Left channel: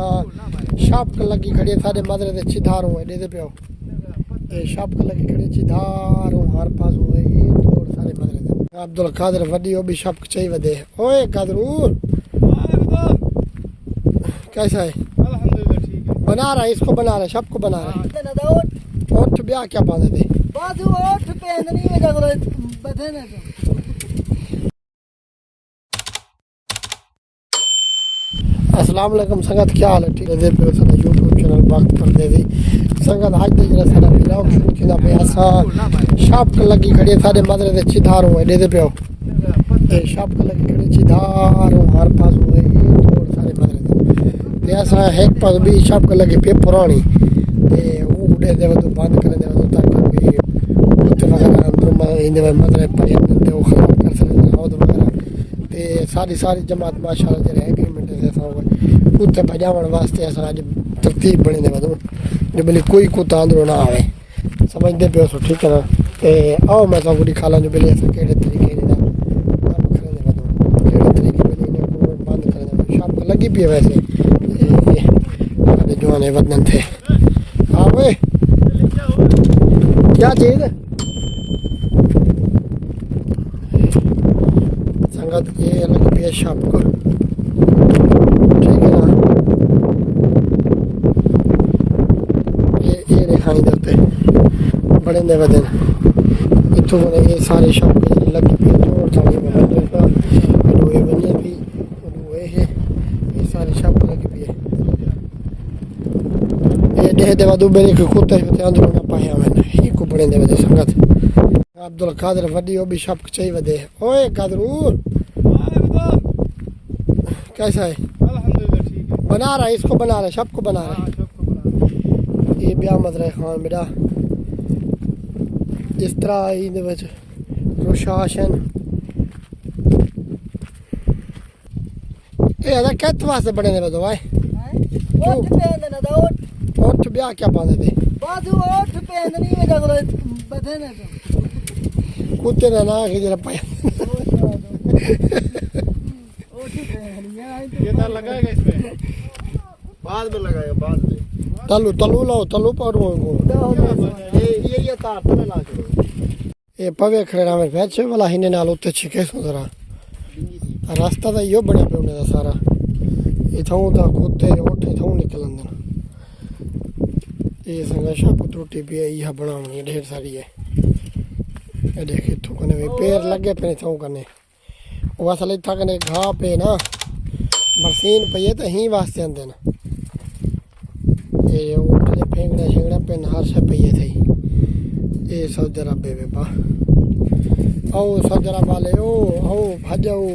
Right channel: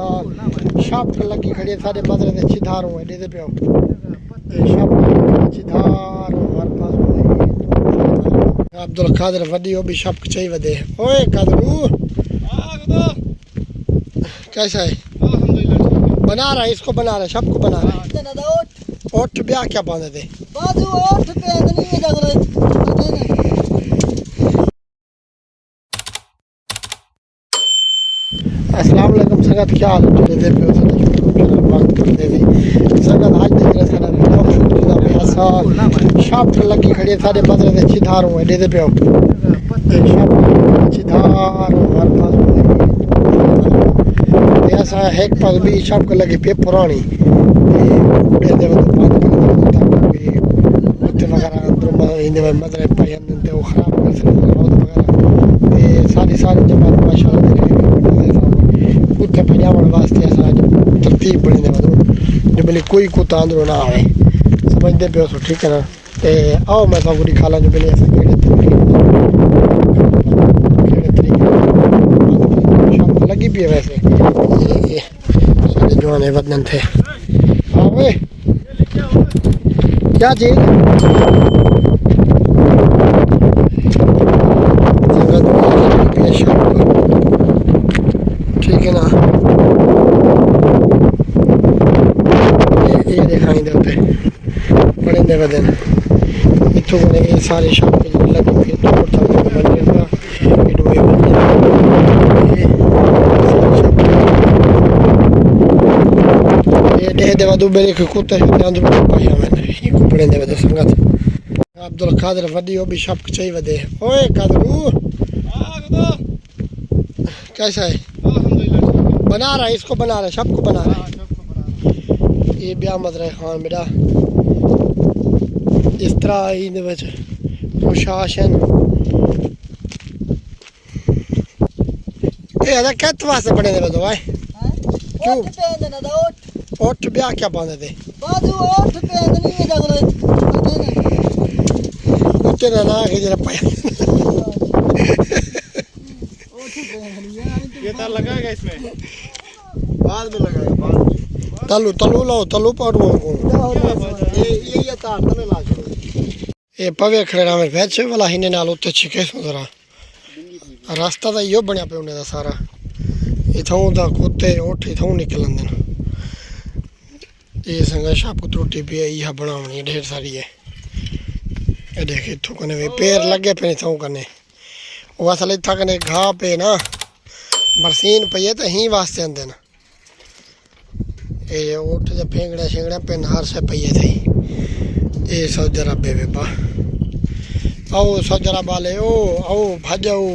सा शॉप लगी खड़ी सारे मदरे दे चिधारों एडे दे पियो ये शॉप चिधारों हर पास अब्दुल कादिर वडी ओ भी शॉप चाहिए वदे ओए कादरू कैसा है बना रहा है इसको बना रहा है शॉप को बना रहा है ओठ ब्याह क्या बांधे थे बाजू ओठ पे नहीं जगह अस्सलाम वालेकुम संगत क्या हाल है तेरे पे उसने यूट्यूब चैनल वक्त पर दे दी संगत आज देख रहे सारा ब्लॉग किदा पे आसा शॉप लगी खड़ी सारे मदरे दे चिधारों एडे दे पियो ये शॉप चिधारों हर पास ये ऐसा एक पास भी शॉप लगी पे पुरानी ये दे तो बात कर दे ताकि उत्ते वगैरह अंदर इंदे मदरे पे ते वो खराब कर सकते वगैरह ये सारी जमात माशाल्लाह दे रहे उत्ते भजावण वास्ते अस अज तरतीब बनी दे जो बिल्कुल कोई कुत्ता अंदरों ना आवे समझते पे सो ठीक है ना ते आओ मैं सब कुछ खाला जो बिल्कुल ऐसा केड़े तरीके लगी पी है वैसे जवान है वतन थे हाँ भाई क्या चीज ठीक है ना ये दिखाई देते बड़े दे बदन इतों बने ये सारे शॉप लगी हुई तोड़ था बने का इडो ये बने ये सारी शॉप ये दे देवा दो बेरे के कुत्ते के अंदर पाया मैंने ये कपड़े दे बदे संगत अब्दुल कादिर वडी ओ भी शॉप चाहिए वदे ओए कादरू कैसा है बना रहा है इसको बना रहा है सबको बना रहा है ये ब्याह मदरा खान बेटा इस तरह ही प्रशासन ये कित वास्ते बने दे दो क्यों ओठ ब्याह क्या बांधे थे बाजू ओठ पे नहीं जगह कुत्ते का ना के जरा पाया ये तार लगाएगा इसमें बाद में लगाएगा बाद में तलू लाओ तलू पर ये तार तले ला ये पवे खड़ेरा में बैठे वाला हिने नाल उत्ते छिके जरा रास्ता तो यो बनया पे उन्हें दा सारा इथों दा कुत्ते ओठ इथों निकलन देन ये संगा शाप त्रुटि पे यह बनावनी ढेर सारी है ये देख इथों कने पैर लगे पे इथों कने वो असल इतना कने घा पे ना बरसीन पे तो ही वास्ते आते ना ये उठ जे फेंगड़ा शेंगड़ा पे नहर से पे थे ये सौजरा बेबे बा आओ सौजरा बाले ओ आओ भाजाओ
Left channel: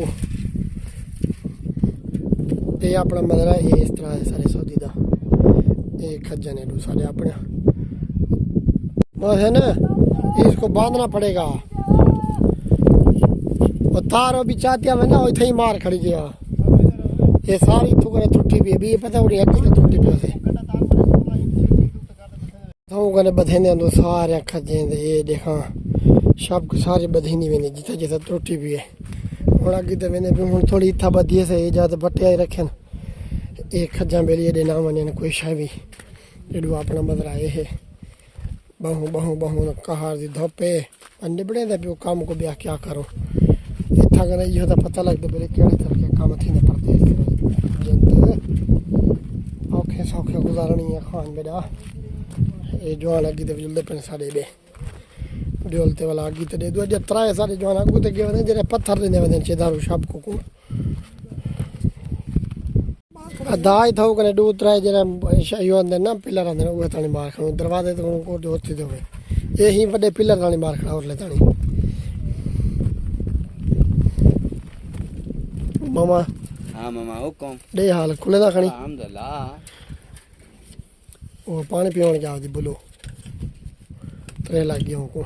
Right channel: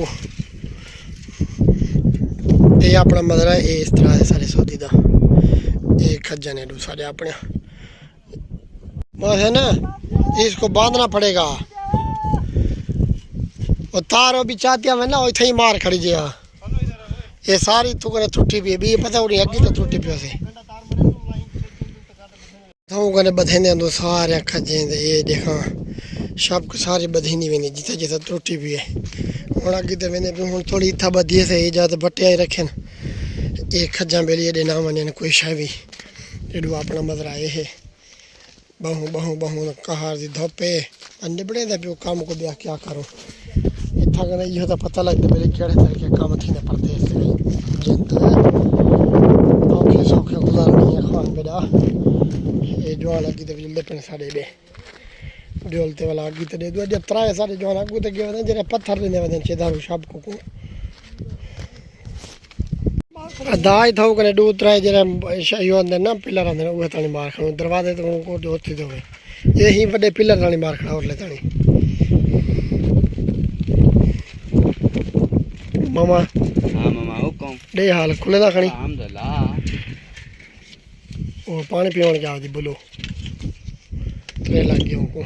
ये अपना मदरा ये इस तरह से सारे सऊदी दा ये खज्जा ने दू सारे अपने बस है ना इसको बांधना पड़ेगा और तार भी चाहती है ना इतना ही मार खड़ी जी ये सारी थुकने त्रुटि भी है भी ये पता उड़ी अगे तो त्रुटि पे से तो कने बधेने दो सारे खजे ये देखा सब को सारे बधेनी वेने जिता जिता त्रुटि भी है और अगे तो वेने भी हुन थोड़ी इथा बधी से ये जात बट्टे आई रखे ये खजा बेली दे नाम ने कोई शाय भी एडू अपना मदरा ये है बहु बहु बहु कहार दी धोपे अन्ने बड़े दा काम को ब्याह क्या करो इतना कने यो तो पता लगता मेरे केड़े तरह के काम थी ने परदेस से जिंद ओके सौखे गुजारनी है खान बेटा ये जो लगी तो जल्दी पे सारे दे डोलते वाला आगे तो दे दो जब त्राए सारे जो आगू तो गए जरे पत्थर देने वदन चेदारू शाप को दाई था कने दो त्राए जरे यो अंदर ना पिलर अंदर वो तानी मार खणो दरवाजे तो को होती दो ये ही बड़े पिलर तानी मार खड़ा और ले तानी मामा हाँ मामा हुक्म दे हाल खुले दा खणी अल्हम्दुलिल्लाह ओ पानी पीवन क्या दी बोलो त्रे लग गयो को